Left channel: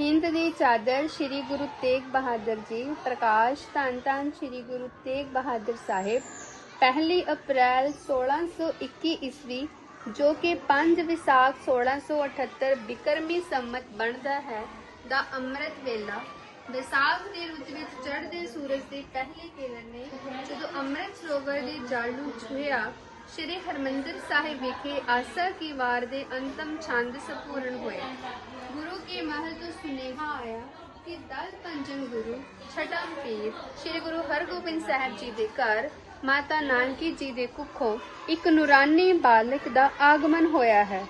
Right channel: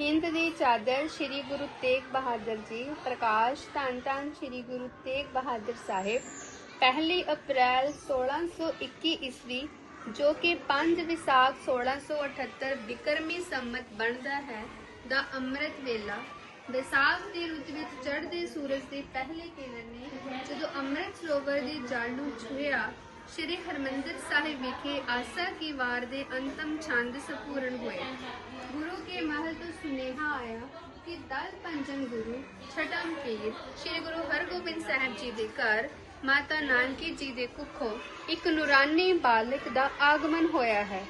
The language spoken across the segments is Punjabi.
ਹਿੰਦ ਦੀ ਚਾਦਰ ਸ੍ਰੀ ਗੁਰੂ ਤੇਗ ਬਹਾਦਰ ਜੀ, ਪ੍ਰਕਾਸ਼ ਧੰਨ ਧੰਨ ਸ੍ਰੀ ਗੁਰੂ ਤੇਗ ਬਹਾਦਰ ਸਾਹਿਬ, ਪਹਿਲੀ ਅਪ੍ਰੈਲ 1621 ਈਸਵੀ, ਜੋ ਕਿ 5 ਵਿਸਾਖ 1678 ਬਿਕਰਮੀ ਸੰਮਤ ਬਣਦਾ ਹੈ, ਦਾ ਅੰਮ੍ਰਿਤ ਵੇਲਾ। ਵਿਸਾਖ ਦੇ ਰੁੱਤ ਵਿੱਚ ਚੜ੍ਹਦੇ ਸੂਰਜ ਦੀ ਪਹਿਲੇ ਕਿਰਨ ਨੇ ਜਦੋਂ ਅੰਮ੍ਰਿਤ ਸਰੋਵਰ ਦੇ ਜਲ ਨੂੰ ਛੂਹਿਆ ਸ਼੍ਰੀ ਹਰਮੰਦਰ ਸਾਹਿਬ ਵਿਖੇ ਆਸਾ ਕੀ ਵਾਰ ਦੇ ਅੰਤਮ ਛੰਦ ਸੰਪੂਰਨ ਹੋਏ। ਗੁਰੂ ਕੇ ਮਹਿਲ ਤੋਂ ਸੁਨੇਹਾ ਆਇਆ ਕਿ ਦਲ ਪੰਜਨ ਗੁਰੂ, ਛਟਮ ਪੀਰ, ਸ਼੍ਰੀ ਗੁਰੂ ਹਰਗੋਬਿੰਦ ਸਾਹਿਬ ਜੀ ਦੇ ਘਰ, ਮਾਤਾ ਨਾਨਕੀ ਜੀ ਦੇ ਕੁੱਖੋਂ ਇੱਕ ਨੂਰਾਨੀ ਬਾਲਕ ਦਾ ਆਗਮਨ ਹੋਇਆ ਹੈ।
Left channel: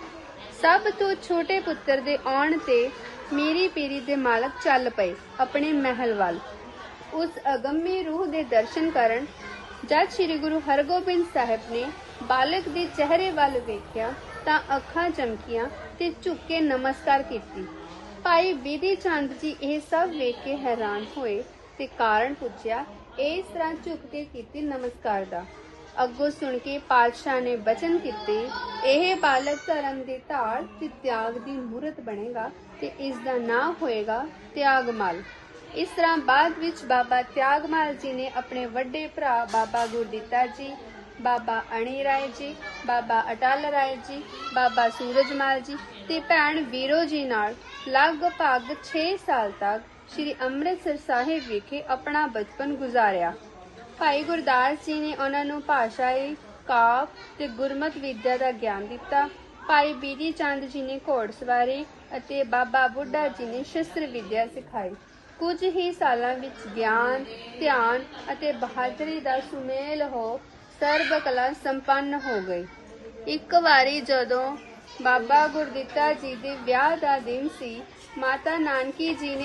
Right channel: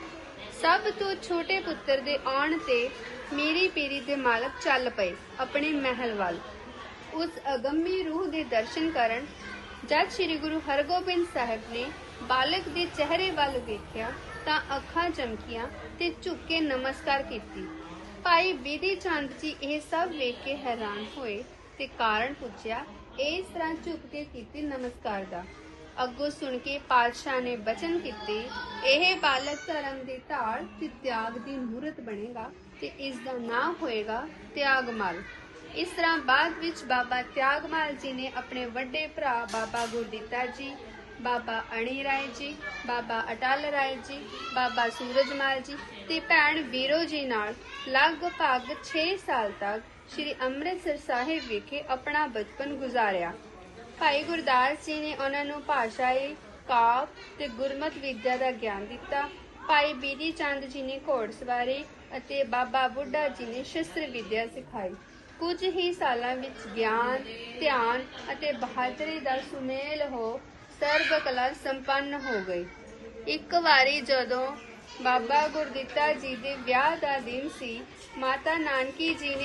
ਸਭ ਤੋਂ ਛੋਟੇ ਪੁੱਤਰ ਦੇ ਆਉਣ ਤੇ ਮੀਰੀ ਪੀਰੀ ਦੇ ਮਾਲਕ ਚੱਲ ਪਏ ਆਪਣੇ ਮਹਿਲ ਵੱਲ। ਉਸ ਅਗੰਮੀ ਰੂਹ ਦੇ ਦਰਸ਼ਨ ਕਰਨ ਜਦ ਸ੍ਰੀ ਗੁਰੂ ਹਰਗੋਬਿੰਦ ਸਾਹਿਬ ਨੇ ਬਾਲਕ ਦੇ ਚਿਹਰੇ ਵੱਲ ਵੇਖਿਆ ਤਾਂ ਅੱਖਾਂ ਚਮਕੀਆਂ ਤੇ ਝੁੱਕ ਕੇ ਨਮਸਕਾਰ ਕੀਤੀ। ਭਾਈ ਬੀਦੀ ਚੰਦ ਜੀ ਇਹ ਸਭ ਵੇਖ ਕੇ ਹੈਰਾਨ ਹੋਏ ਤੇ ਕਾਰਨ ਪੁੱਛਿਆ, ਇਸ ਤਰ੍ਹਾਂ ਝੁੱਕ ਕੇ ਕੀਤੀ ਨਮਸਕਾਰ ਦਾ। ਅੱਗੋਂ ਸੁਣ ਕੇ ਪਾਤਸ਼ਾਹ ਨੇ ਬਚਨ ਕੀਤੇ, ਇਹ ਬਾਲਕ ਧਰਮ ਦੀ ਧਾਰ ਤੇ ਤਿਆਗ ਦੀ ਮੂਰਤ ਬਣੇਗਾ ਤੇ ਇਸ ਦਾ ਨਾਮ ਹੋਏਗਾ ਤਿਆਗਮਲ। ਇਸ ਤਰ੍ਹਾਂ ਬਾਅਦ ਵਿੱਚ ਬਾਬਾ ਤਿਆਗਮਲ ਜੀ ਨੇ ਆਪਣੇ ਵੱਡੇ ਭਰਾ ਬਾਬਾ ਗੁਰਦਿੱਤਾ ਜੀ, ਬਾਬਾ ਅਣੀ ਰਾਏ ਜੀ, ਬਾਬਾ ਅਟਲ ਰਾਏ ਜੀ, ਬਾਬਾ ਸੂਰਜਮਲ ਜੀ ਤੇ ਭੈਣ ਵੀਰੋ ਜੀ ਨਾਲ ਲਗਭਗ 6 ਸਾਲ ਤੱਕ ਸ੍ਰੀ ਅੰਮ੍ਰਿਤਸਰ ਸਾਹਿਬ ਵਿਖੇ ਆਪਣਾ ਬਚਪਨ ਗੁਜ਼ਾਰਿਆ। ਭਾਈ ਗੁਰਦਾਸ ਜੀ ਨੇ ਉਹਨਾਂ ਨੂੰ ਭਾਸ਼ਾਈ ਕਾਵ ਤੇ ਗੁਰਮਤ ਵਿਦਿਆ ਦਾ ਗਿਆਨ ਦਿੱਤਾ। ਭਾਈ ਬੀਦੀ ਚੰਦ ਜੀ ਨੇ ਘੋੜਸਵਾਰੀ ਅਤੇ ਬਾਬਾ ਬੁੱਢਾ ਜੀ ਨੇ ਸ਼ਸਤਰ ਵਿਦਿਆ ਸਿਖਾਈ। ਕੁਝ ਹੀ ਸਾਲਾਂ ਵਿੱਚ ਗਿਆਨ, ਧਿਆਨ ਅਤੇ ਬਹਾਦਰੀ ਦਾ ਸੁਮੇਲ ਹੋ ਸਰਬ ਕਲਾ ਸੰਪੰਨ ਹੋ ਗਈ। ਇੱਕ ਵਾਰੀ ਜਦੋਂ ਬਾਬਾ ਗੁਰਦਿੱਤਾ ਜੀ ਦੇ ਵਿਆਹ ਦਾ ਦਿਨ ਸੀ, ਮਾਤਾ ਨਾਨਕੀ ਜੀ ਨੇ